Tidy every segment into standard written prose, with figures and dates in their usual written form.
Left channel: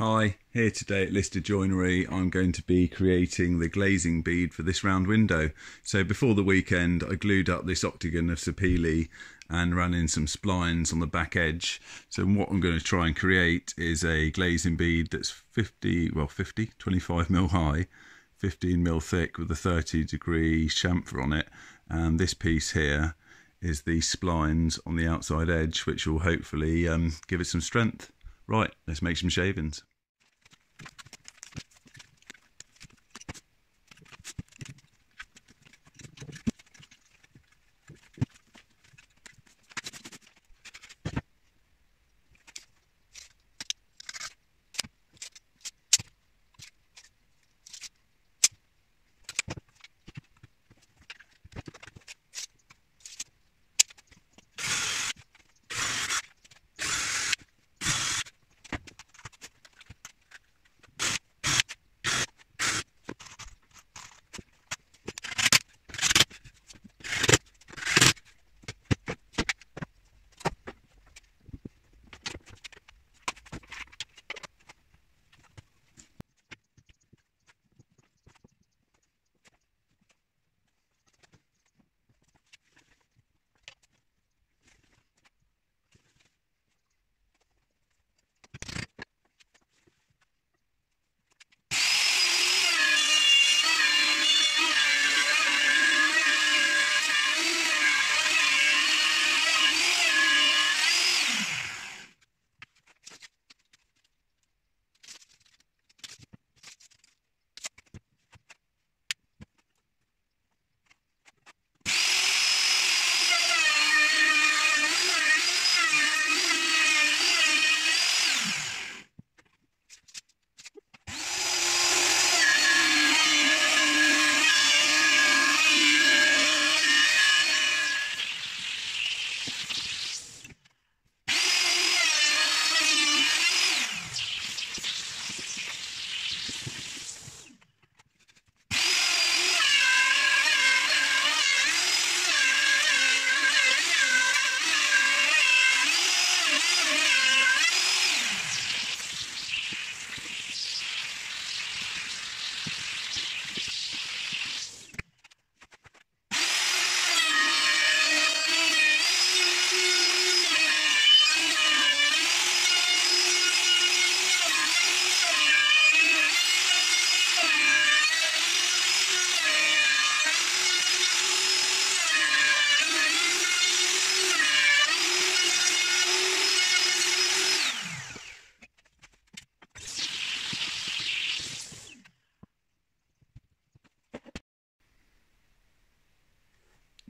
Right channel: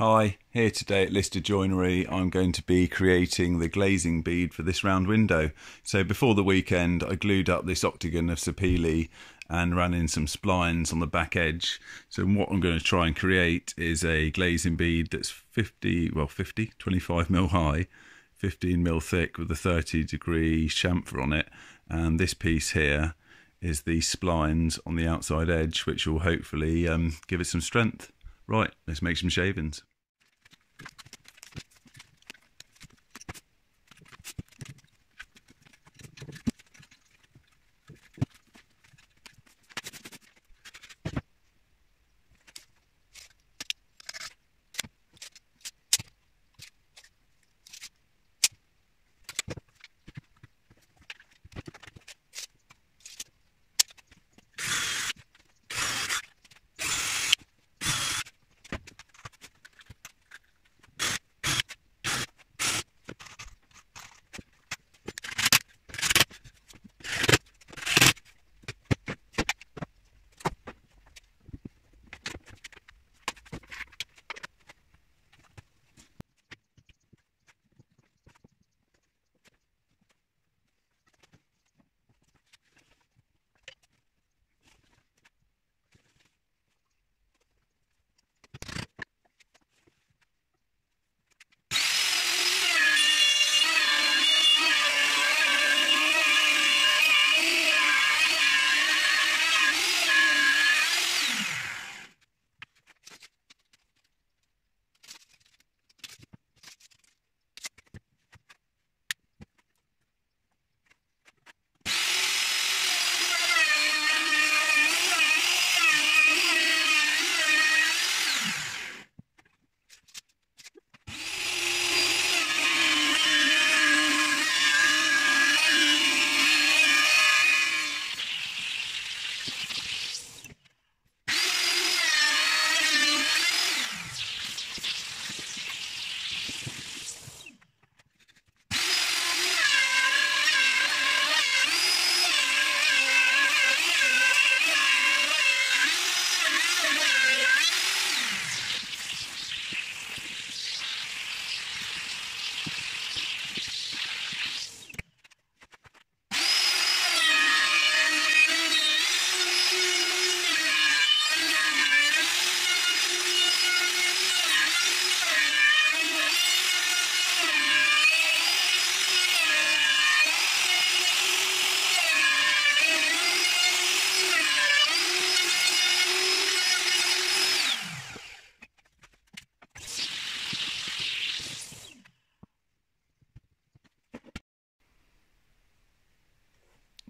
Hi, here today at Listerjoinery I'm going to be creating the glazing bead for this round window. So before the weekend I glued up this octagon of sapele and ran in some splines on the back edge. So what I'm going to try and create is a glazing bead that's 25mm high, 15mm thick with a 30-degree chamfer on it, and this piece here is the splines on the outside edge, which will hopefully give it some strength. Right, let's make some shavings.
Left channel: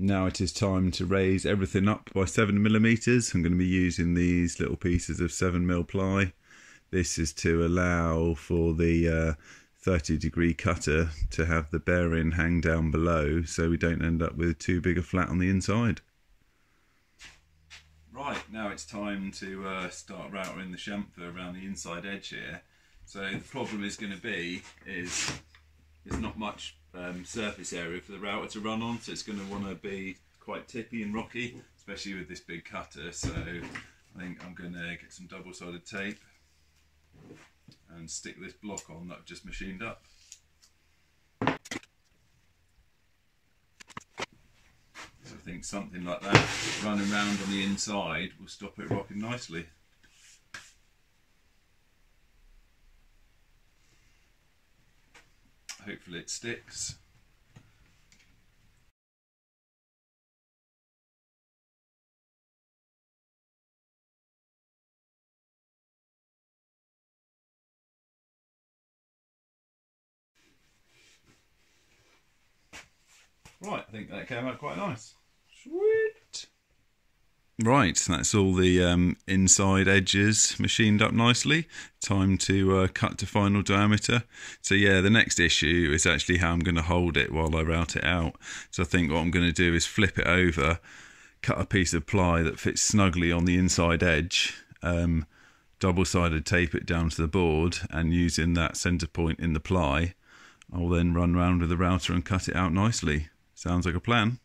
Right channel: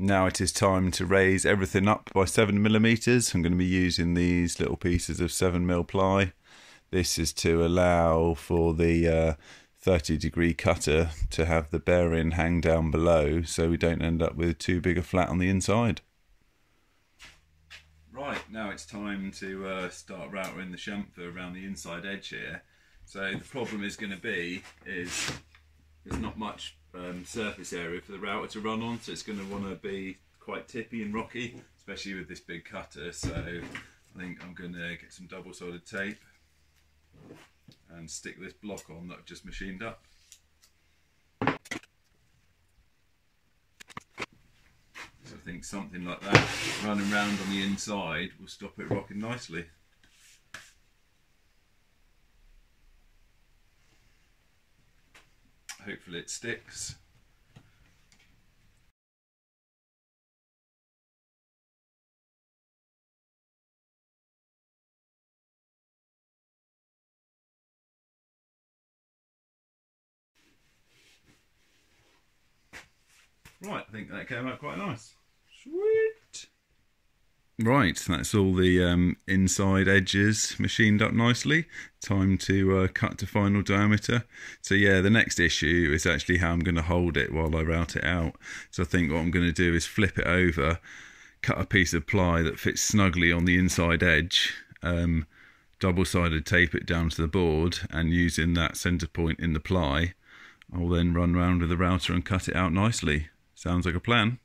Now it is time to raise everything up by 7mm. I'm going to be using these little pieces of 7mm ply. This is to allow for the 30-degree cutter to have the bearing hang down below, so we don't end up with too big a flat on the inside. Right, now it's time to start routering the chamfer around the inside edge here. So the problem is going to be there's not much surface area for the router to run on, so it's going to want to be quite tippy and rocky, especially with this big cutter. So I think I'm going to get some double-sided tape and stick this block on that I've just machined up. So I think something like that running around on the inside will stop it rocking nicely. Hopefully it sticks. Right, I think that came out quite nice. Sweet. Right, that's all the inside edges machined up nicely. Time to cut to final diameter. So yeah, the next issue is actually how I'm going to hold it while I route it out. So I think what I'm going to do is flip it over, cut a piece of ply that fits snugly on the inside edge, double-sided tape it down to the board, and using that centre point in the ply, I'll then run round with the router and cut it out nicely. Sounds like a plan.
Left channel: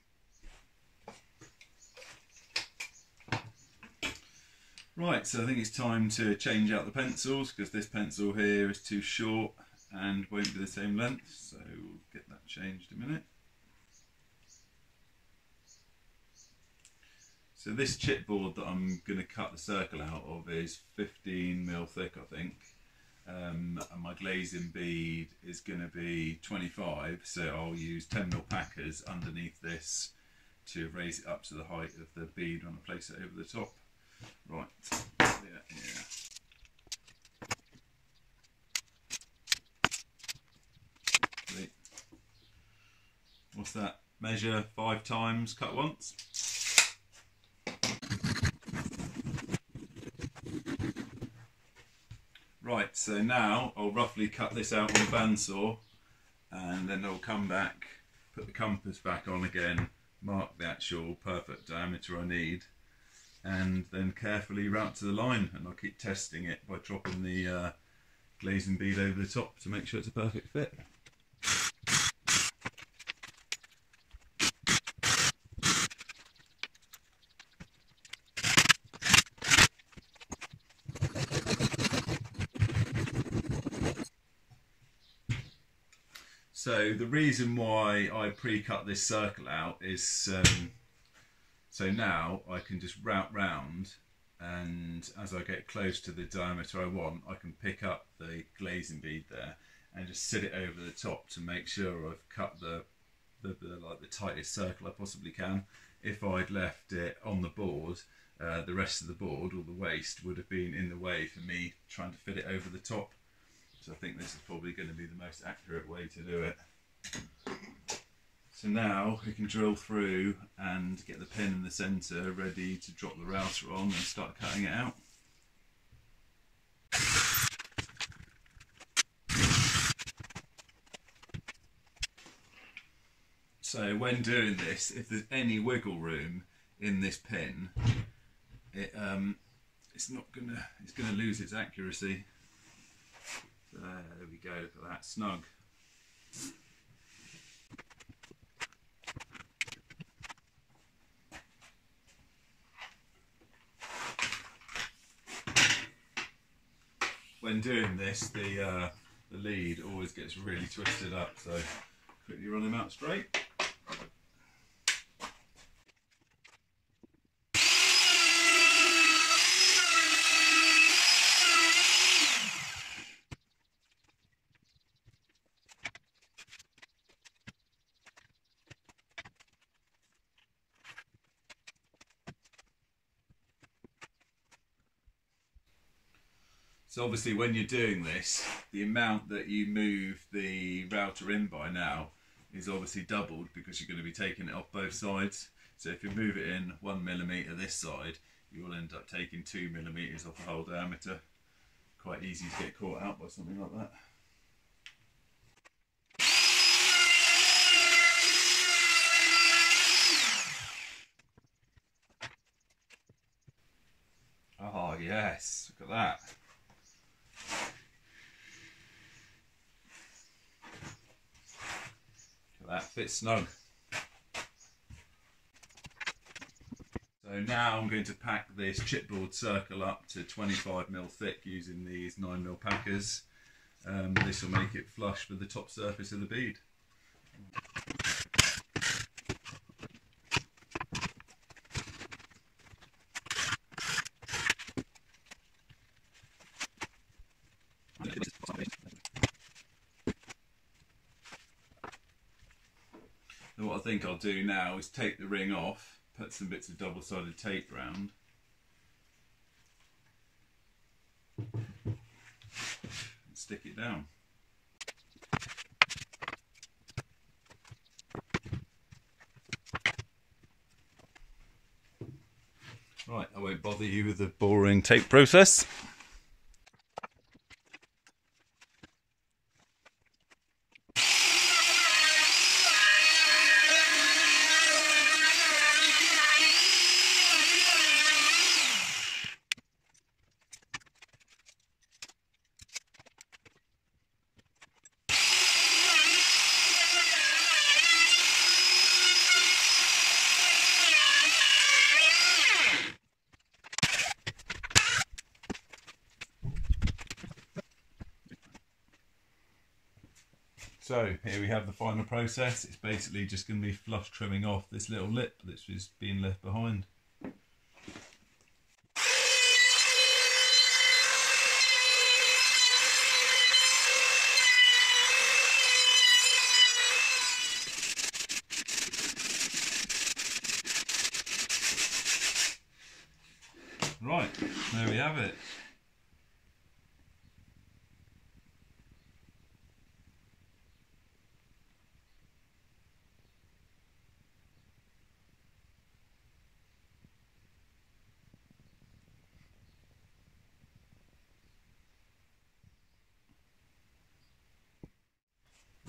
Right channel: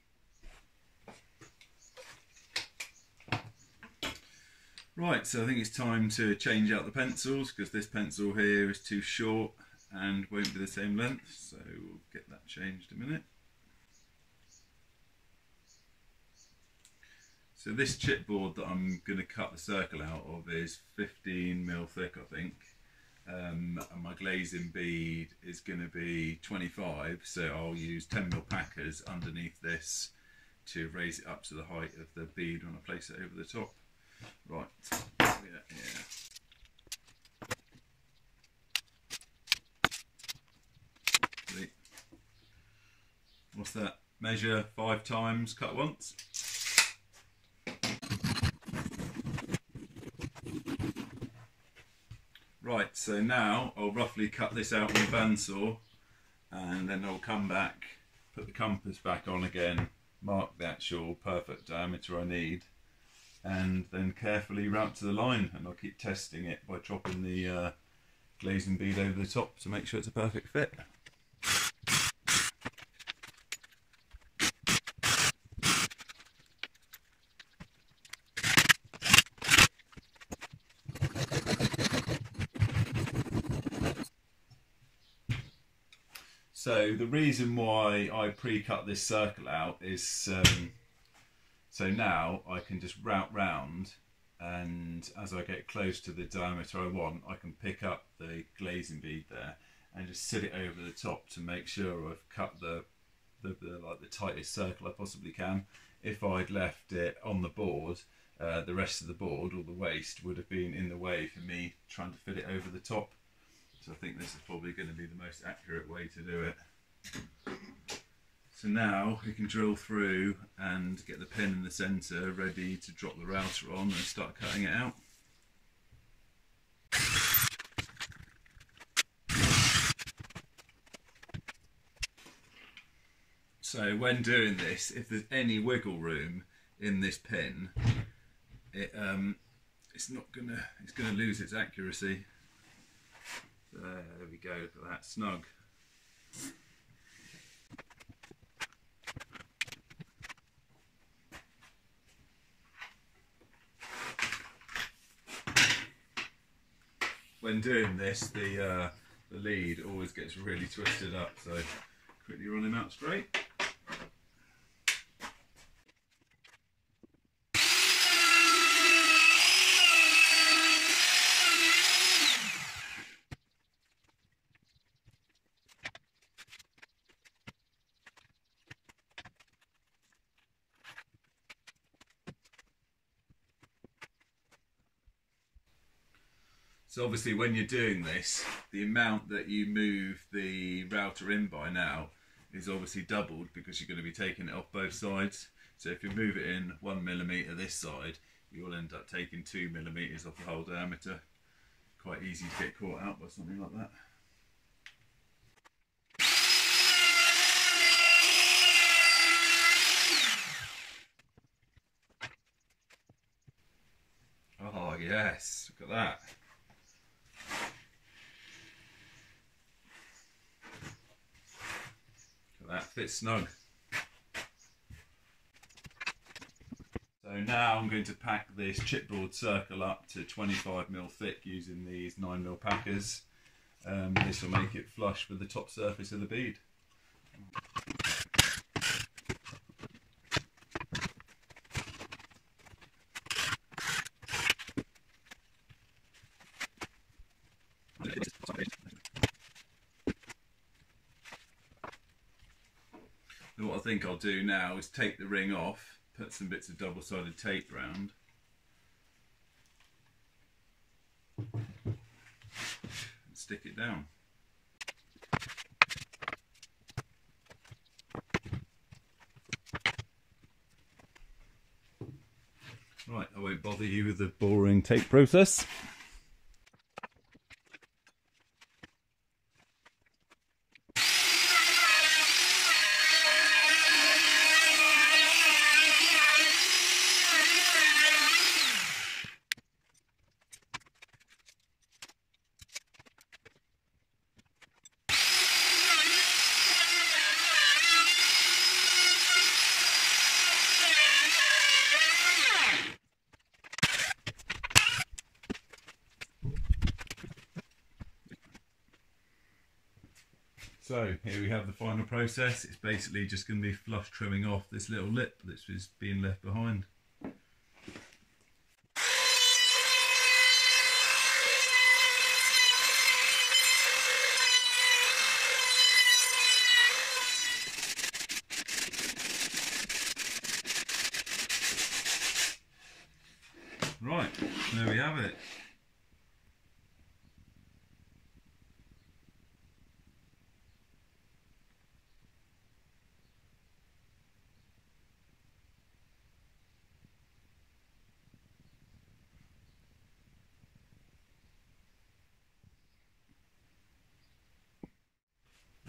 Right, so I think it's time to change out the pencils because this pencil here is too short and won't be the same length, so we'll get that changed in a minute. So this chipboard that I'm going to cut the circle out of is 15mm thick, I think, and my glazing bead is going to be 25, so I'll use 10mm packers underneath this to raise it up to the height of the bead when I place it over the top. Right, yeah. What's that? Measure 5 times, cut once. Right, so now I'll roughly cut this out on the bandsaw and then I'll come back, put the compass back on again, mark the actual perfect diameter I need, and then carefully route to the line, and I'll keep testing it by dropping the glazing bead over the top to make sure it's a perfect fit. So the reason why I pre-cut this circle out is so now I can just route round, and as I get close to the diameter I want, I can pick up the glazing bead there and just sit it over the top to make sure I've cut the tightest circle I possibly can. If I'd left it on the board, the rest of the board or the waste would have been in the way for me trying to fit it over the top. So I think this is probably going to be the most accurate way to do it. So now we can drill through and get the pin in the centre ready to drop the router on and start cutting it out. So when doing this, if there's any wiggle room in this pin, it's gonna lose its accuracy. There we go, for that snug. When doing this, the lead always gets really twisted up, so quickly run him out straight. So obviously when you're doing this, the amount that you move the router in by now is obviously doubled because you're going to be taking it off both sides. So if you move it in 1mm this side, you will end up taking 2mm off the whole diameter. Quite easy to get caught out by something like that. Oh yes, look at that. That fits snug. So now I'm going to pack this chipboard circle up to 25mm thick using these 9mm packers. This will make it flush with the top surface of the bead. And what I think I'll do now is take the ring off, put some bits of double-sided tape round, and stick it down. Right, I won't bother you with the boring tape process. So here we have the final process. It's basically just going to be flush trimming off this little lip that's just being left behind. Right, there we have it.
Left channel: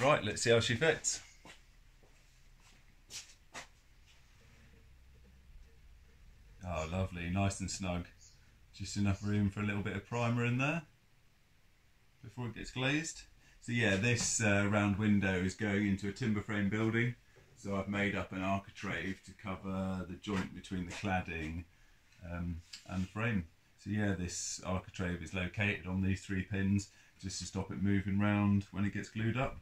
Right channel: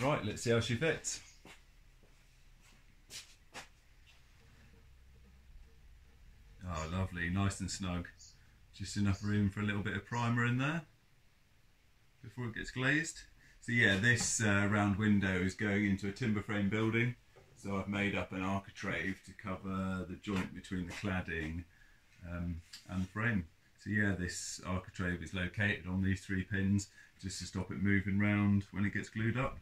Right, let's see how she fits. Oh, lovely, nice and snug. Just enough room for a little bit of primer in there before it gets glazed. So yeah, this round window is going into a timber frame building. So I've made up an architrave to cover the joint between the cladding and the frame. So yeah, this architrave is located on these 3 pins just to stop it moving round when it gets glued up.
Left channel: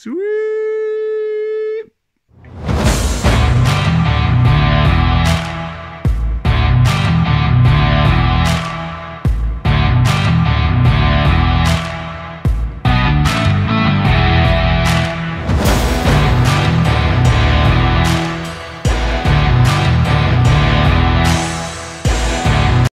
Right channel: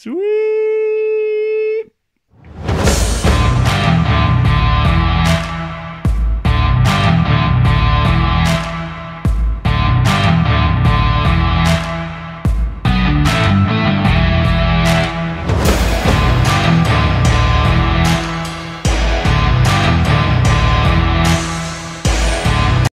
Sweet!